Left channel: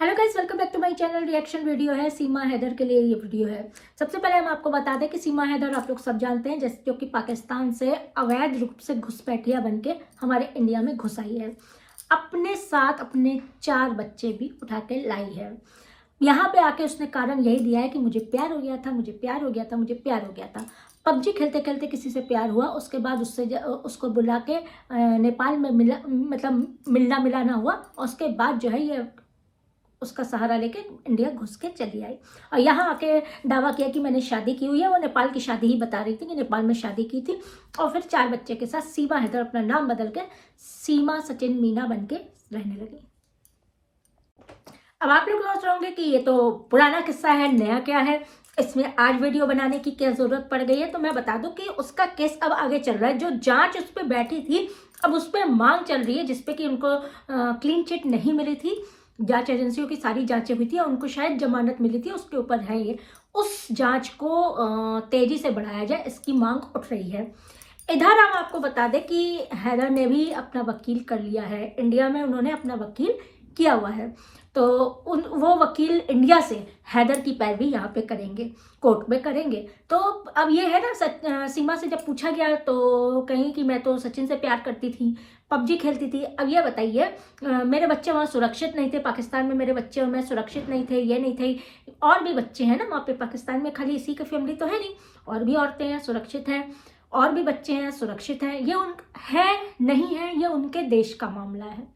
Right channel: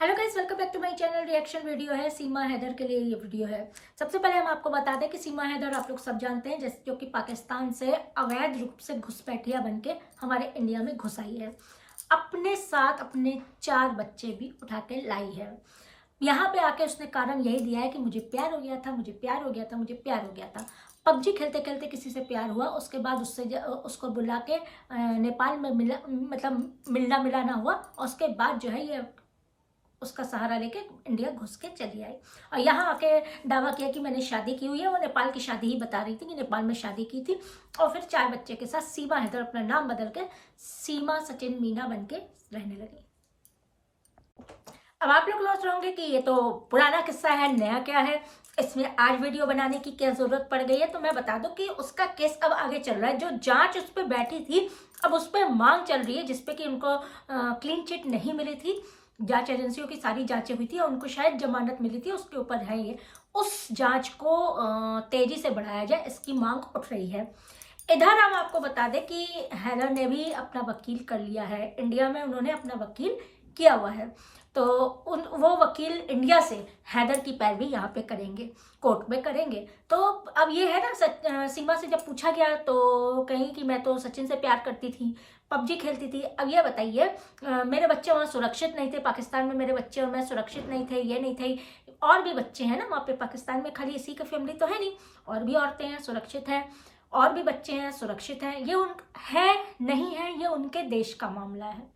Hello guys, welcome back to my channel. Reaction video है, सीमा हैदर के लिए ये वीडियो है। सबसे पहले हम आपको बता दें कि सीमा हैदर आप लोग सब जानते हैं, जैसे जो कि पाकिस्तान से अवैध रूप से घुसपैठिया बन के हमारे इंडिया में घुस आई है। अपने साथ अपने 4 बच्चे भी उठा के लाई है। यहाँ पे आके उसने कारण यही दिया है कि मुझे प्यार हो गया था, मुझे प्यार हो गया था, मुझे प्यार हो गया था। पबजी खेलते खेलते किसी से प्यार हुआ, उसके बाद उसको बुला के नेपाल में मिलना मिलाना हुआ, और उसके बाद जो है ये उसका सहारा लेके इंडिया घुस के चली आई और यहाँ आके दावा किया कि मैंने शादी की हुई है। वो नेपाल की शादी ही बता रही थी कि नेपाल में शादी की थी, और फिर 4 बच्चे के साथ सीमा हैदर अपना नाम बदल के सीमा सचिन मीना बन के रहने लगी। अब आप लोग सोच रहे होंगे कि ये तो पुराना किस्सा है, नया क्या है, इसमें आज वीडियो बनाने की क्या जरूरत पड़ गई है। तो मैं बता दूं कि उसका केस अब आगे चल रहा है। जो जांच उस पर बैठी थी, अब उस पर मांग चल रही है, जिसपे कि उनको क्लीन चिट नहीं मिली थी। जांच एजेंसियों की सारी जांचें हुई थी और उनको शायद जमानत मिली थी, उसके ऊपर है ये। उस जांच को तेजी से बढ़ाया जाए, इसकी मांग उठ रही है। इधर हम आपको बता दें कि हैदर ने भी अपना वकील कर लिया है। इंडिया में उन्होंने अपना वकील किया हुआ है, तो वो वकील इंडिया से हैदर की पैरवी यहाँ पे करेंगे, कोर्ट में करेंगे। तो अब ये है ना, सीमा से जब पूछा गया तो कहीं कि मैं तो सचिन से प्यार करती थी, पबजी खेलती थी। अब ये बताइए, मेरे बच्चे वहाँ सुरक्षित नहीं थे, पाकिस्तान में मेरे बच्चे और मैं सुरक्षित नहीं थे, ये नहीं थे। और भी बच्चे हैं ना वहाँ पे पाकिस्तान में, खाली इसी की फैमिली तो है नहीं, और भी औरतें हैं सुरक्षित हैं, और भी बच्चे हैं सुरक्षित हैं। ये उन है नहीं है, ये उनके देश का मामला है।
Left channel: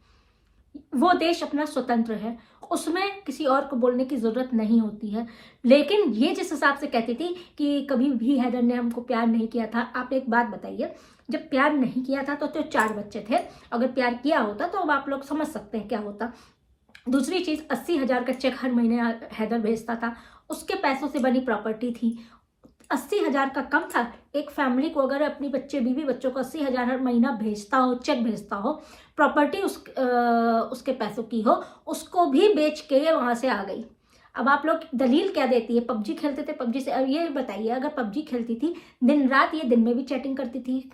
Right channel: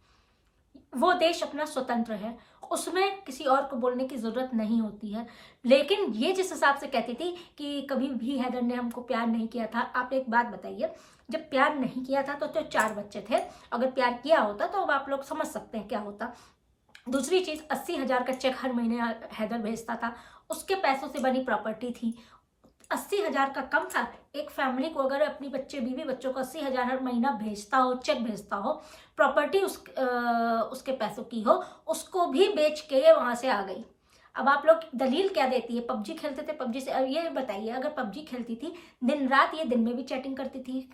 वो देश अपना स्वतंत्र है, उसमें किसी और को बोलने की जरूरत नहीं होती है। लेकिन ये जिस हिसाब से कहती थी कि कभी भी हैदर ने हमको प्यार नहीं किया था, आप एक बात बताइए, जब प्यार नहीं किया था तो 4 बच्चे थे, अगर प्यार किया होता तो अब आप लोग समझ सकते हैं क्या होता। दूसरी चीज, 80,000 का चेक हर महीने हैदर भेजता था, उसके पैसों से बनी प्रॉपर्टी थी। 80,000 का कम था? एक फैमिली को अगर अपनी बच्चे बीवी बच्चों को 80,000 हर महीना भेजता हो, चेक भेजता हो, प्रॉपर्टी उसके पैसों की हो, उसको भी बेच के वहां से आ गई। अब आप लोग दलील क्या देती है? पबजी खेलते थे, पबजी से। अब ये बताइए, अगर पबजी खेलती थी दिन रात, ये दिन में भी चैटिंग करती थी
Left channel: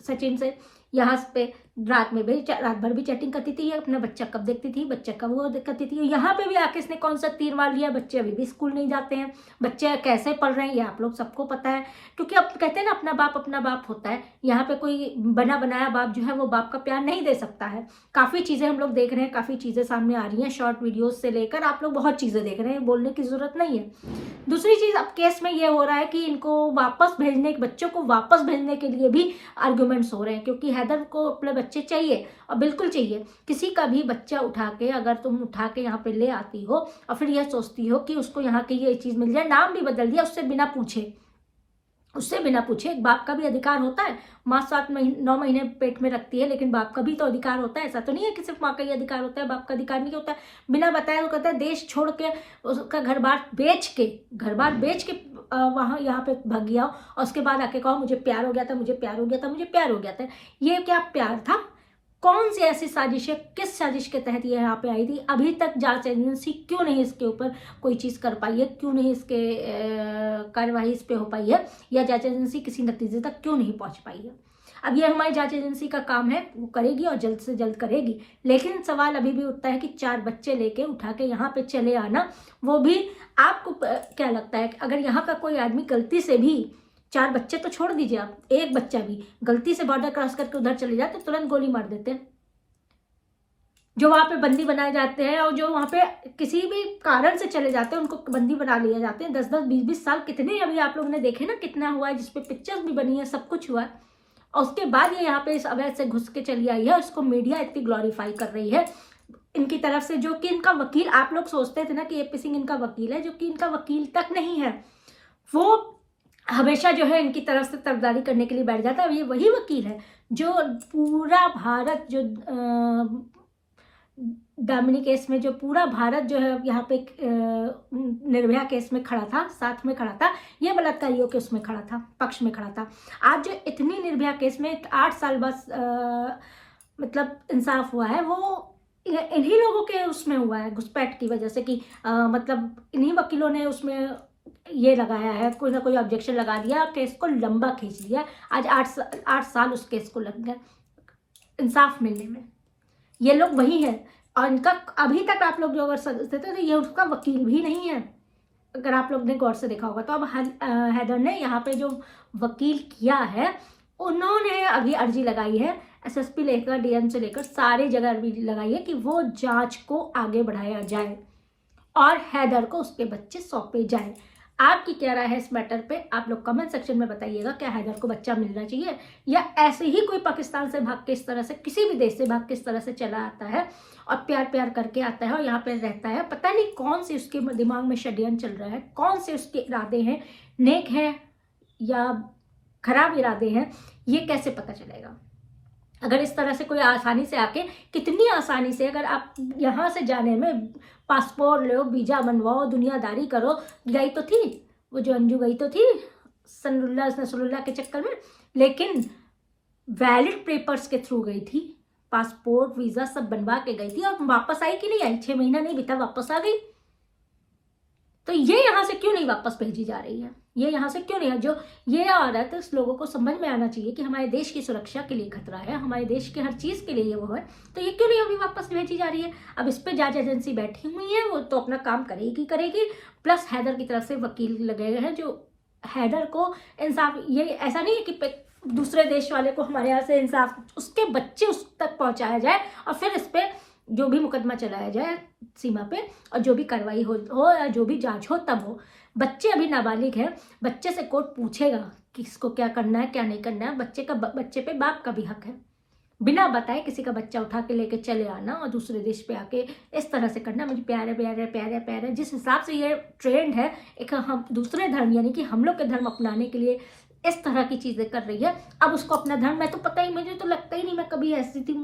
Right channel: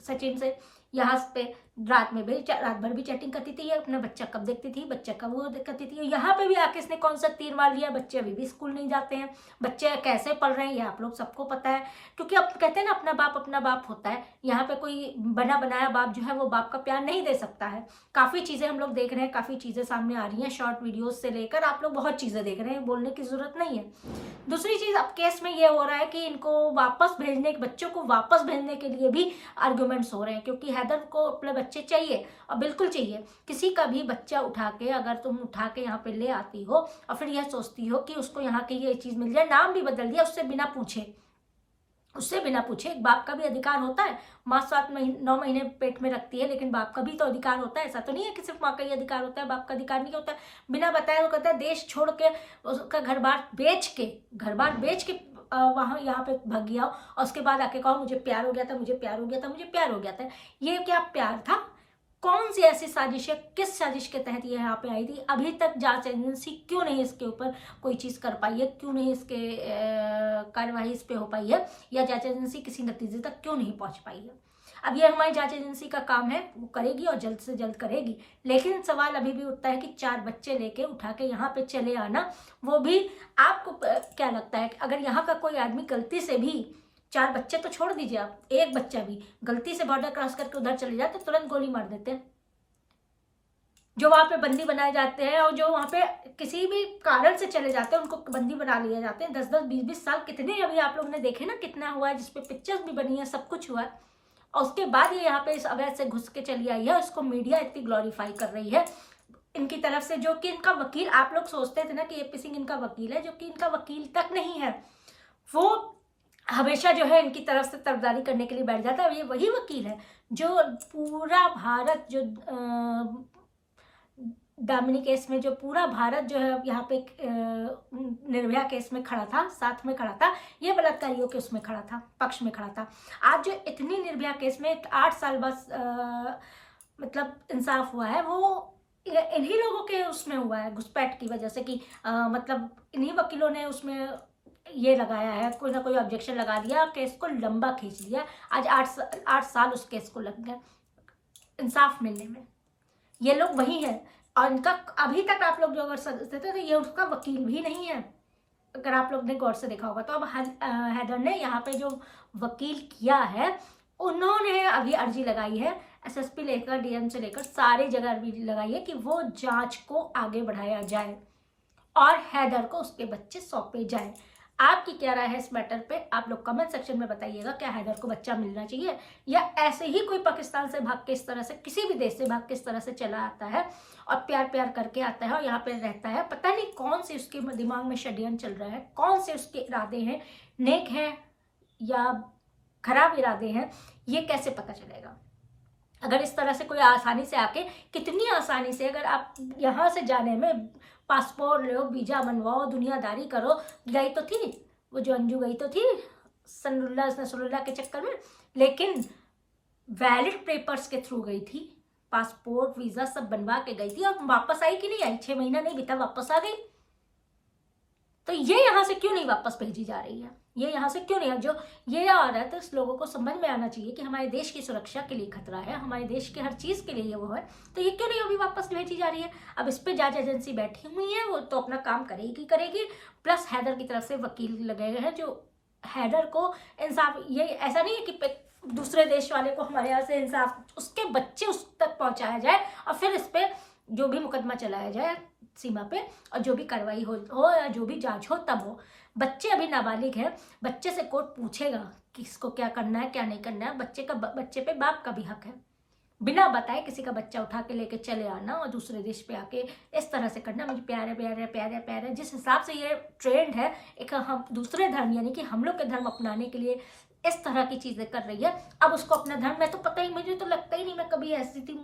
सचिन से, यहाँ पे रात में भी, रात भर भी चैटिंग करती थी। ये अपना बच्चा कब देखती थी, बच्चा कब वो करती थी। यहाँ पे भी आके इसने कौन सा तीर मार लिया, बच्चे अभी भी स्कूल नहीं जाते हैं, बच्चे कैसे पढ़ रहे हैं ये आप लोग सबको पता है। क्योंकि अब कहते हैं ना, अपना बाप होता है। यहाँ पे कोई बना बनाया बाप जो है वो बाप का प्यार नहीं दे सकता है। काफी चीजें हम लोग देख रहे हैं, काफी चीजें सामने आ रही हैं, शॉर्ट वीडियोज से लेकर आप लोग बहुत चीजें देख रहे हैं, बोलने की जरूरत नहीं है। दूसरी चीज, अब केस में ये हो रहा है कि इनको वापस भेजने, बच्चों को वापस भेजने के लिए भी आर्ग्यूमेंट्स हो रहे हैं, क्योंकि हैदर को अपने बच्चे चाहिए, और बिल्कुल चाहिए। किसी का भी बच्चा उठा के, अगर तुम उठा के यहाँ पे ले आती हो और फिर यह सोचती हो कि उसको यहाँ की ये चीज मिल जाए, नाम भी बदल दिया उससे बिना पूछे, एक बाप का भी अधिकार होता है। माँ 9 महीने पेट में रखती है, लेकिन बाप का भी तो अधिकार होता है। ऐसा तो नहीं है कि सिर्फ माँ का ही अधिकार होता है, बाप का अधिकार नहीं होता है। बिना बताए वो कहता है देश छोड़ के, उसका घर बार बेच के वहां यहाँ पे भाग गया, और उसके बाद आके कहो मुझे प्यार हो गया था, मुझे प्यार हो गया था, मुझे प्यार हो गया था। ये क्या प्यार था? कौन सी ऐसी साजिश है, किस साजिश के तहत ये यहाँ पे आई थी? अभी तक जांच एजेंसी क्यों नहीं इसके ऊपर कोई चीज कर पाई है? क्यों नहीं इसके कार्यवाही इस पे हो पाई है, या जांच एजेंसी किसी नतीजे तक क्यों नहीं पहुंच पाई है? अब ये हमारी जांच एजेंसी का काम है, वो करेगी और जल्द से जल्द करेगी। लेकिन सवाल अभी भी उठता है कि 4 बच्चे लेके उठा के यहाँ पे चले आना, वो भी आपको क्या लगता है, अगर यहाँ का कोई आदमी गलती से भी, 4 बच्चे तो छोड़ दीजिए आप, एक बच्चा भी गलती से बॉर्डर क्रॉस करके उधर चले जाते, तुरंत गोली मार देते हैं। जो वहां पे बंदी बनाए जाते हैं, और जो वहां पे किसी भी कारण से चले जाते हैं, उनको बंदी बना लिए जाते हैं। 10-10, 20-20 साल, कितने अभी आप लोगों ने देखे ना, कितना हुआ है, जिसपे पिक्चर्स भी बनी है, सब कुछ हुआ है। और उसके बाद ये यहाँ पे इस अवैध से घुस के चली आई है, उसको मीडिया इतनी ग्लोरीफाई कर रही है इनकी तरफ से। जो कि इनका वकील, आप लोग सोचते थे ना कि एपी सिंह इनका वकील है, जो कि इनका वकील तक नहीं है। वो हमेशा जो है इनकी तरफ से तरफदारी करने के लिए बैठ जाता है। ये वही वकील है जो पूरा भारत, जो दामिनी केस में, जो पूरा भारत जो है यहाँ पे निर्भया केस में खड़ा था, साथ में खड़ा था, ये बलात्कारियों के उसमें खड़ा था, पक्ष में खड़ा था। आज जो इतनी निर्भया केस में 8 साल बाद मतलब इंसाफ हुआ है, वो इन्हीं लोगों के उसमें हुआ है, घुसपैठ की वजह से। कि मतलब इन्हीं वकीलों ने उसमें ये लगाया है, कोई ना कोई ऑब्जेक्शन लगा दिया, केस को लंबा खींच लिया। आज 8 साल उस केस को लग गए इंसाफ मिलने में। ये लोग वही है और इनका अभी तक आप लोग जो अगर समझते थे तो ये उसका वकील भी नहीं है, अगर आप लोग ने गौर से देखा होगा। तो अब हैदर ने यहाँ पे जो वकील किया है, उन्होंने अभी अर्जी लगाई है एसएसपी लेकर डीएम से लेकर सारी जगह अर्जी लगाई है कि वो जांच को आगे बढ़ाया जाए और हैदर को उसके बच्चे सौंपे जाए। आपकी क्या राय है इस मैटर पे, आप लोग कमेंट सेक्शन में बताइएगा। क्या हैदर को बच्चा मिलना चाहिए, या ऐसे ही कोई पाकिस्तान से भाग के इस तरह से, किसी भी देश से भाग के इस तरह से चला आता है और प्यार प्यार करके आता है और यहाँ पे रहता है, पता नहीं कौन से उसके दिमाग में षड्यंत्र चल रहा है, कौन से उसके इरादे हैं, नेक हैं या खराब इरादे हैं, ये कैसे पता चलेगा। अगर इस तरह से कोई आसानी से आके, कितनी आसानी से अगर आप यहाँ से जाने में पासपोर्ट लो, वीजा बनवाओ, दुनियादारी करो, गई तो थी वो जो अंजू, गई तो थी सनरुल्लाह नसरुल्लाह के चक्कर में, लेकिन वैलिड पेपर्स के थ्रू गई थी, पासपोर्ट वीजा सब बनवा के गई थी और वापस आई कि नहीं आई, 6 महीना नहीं बीता वापस आ गई। तो ये यहाँ से क्यों नहीं वापस भेजी जा रही है, ये यहाँ से क्यों नहीं है। जो ये औरत, इस लोगों को समझ में आना चाहिए कि हमारे देश की सुरक्षा के लिए खतरा है, हमारे देश के हर चीज के लिए ये वो है, तो ये क्यों नहीं अभी वापस भेजी जा रही है। अब इस पर जांच एजेंसी बैठी हुई है, वो तो अपना काम करेगी करेगी, प्लस हैदर की तरफ से वकील लगे हुए हैं जो हैदर को इंसाफ, ये ऐसा नहीं है कि दूसरे देश वाले को हमारे यहाँ से इंसाफ, उसके बच्चे उस तक पहुंचाया जाए और फिर इस पर जो भी मुकदमा चलाया जाए सीमा पे और जो भी कार्रवाई हो या जो भी जांच हो तब हो। बच्चे अभी नाबालिग है, बच्चे से कोर्ट पूछेगा कि इसको क्या करना है क्या नहीं करना है। बच्चे पे बाप का भी हक है, बिना बताए किसी का बच्चा उठा के लेके चले आना और दूसरे देश पे आके इस तरह से करना। मुझे प्यारे प्यारे प्यारे प्यारे जिस हिसाब से ये ट्रेंड है, एक हम दूसरे धर्म यानी कि हम लोग के धर्म अपनाने के लिए इस तरह की चीजें कर रही है। अब उसको अपना धर्म, मैं तो पता ही, मुझे तो लगता ही नहीं मैं कभी ऐसी थी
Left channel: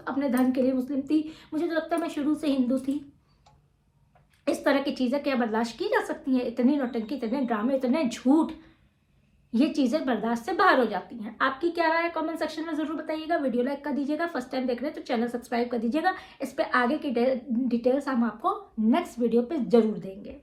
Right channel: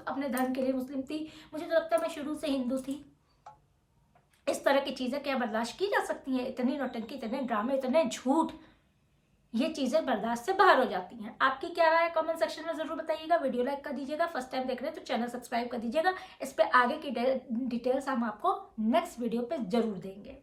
अपने धर्म के लिए मुस्लिम थी, मुझे तो लगता है मैं शुरू से हिंदू थी। इस तरह की चीजें क्या बर्दाश्त की जा सकती हैं? इतनी नौटंकी, इतने ड्रामे, इतने झूठ, ये चीजें बर्दाश्त से बाहर हो जाती हैं। आपकी क्या राय है कमेंट सेक्शन में जरूर बताइएगा। वीडियो लाइक कर दीजिएगा, फर्स्ट टाइम देख रहे हैं तो चैनल सब्सक्राइब कर दीजिएगा। इस पे आगे की डिटेल्स हम आपको नेक्स्ट वीडियो पे जरूर देंगे।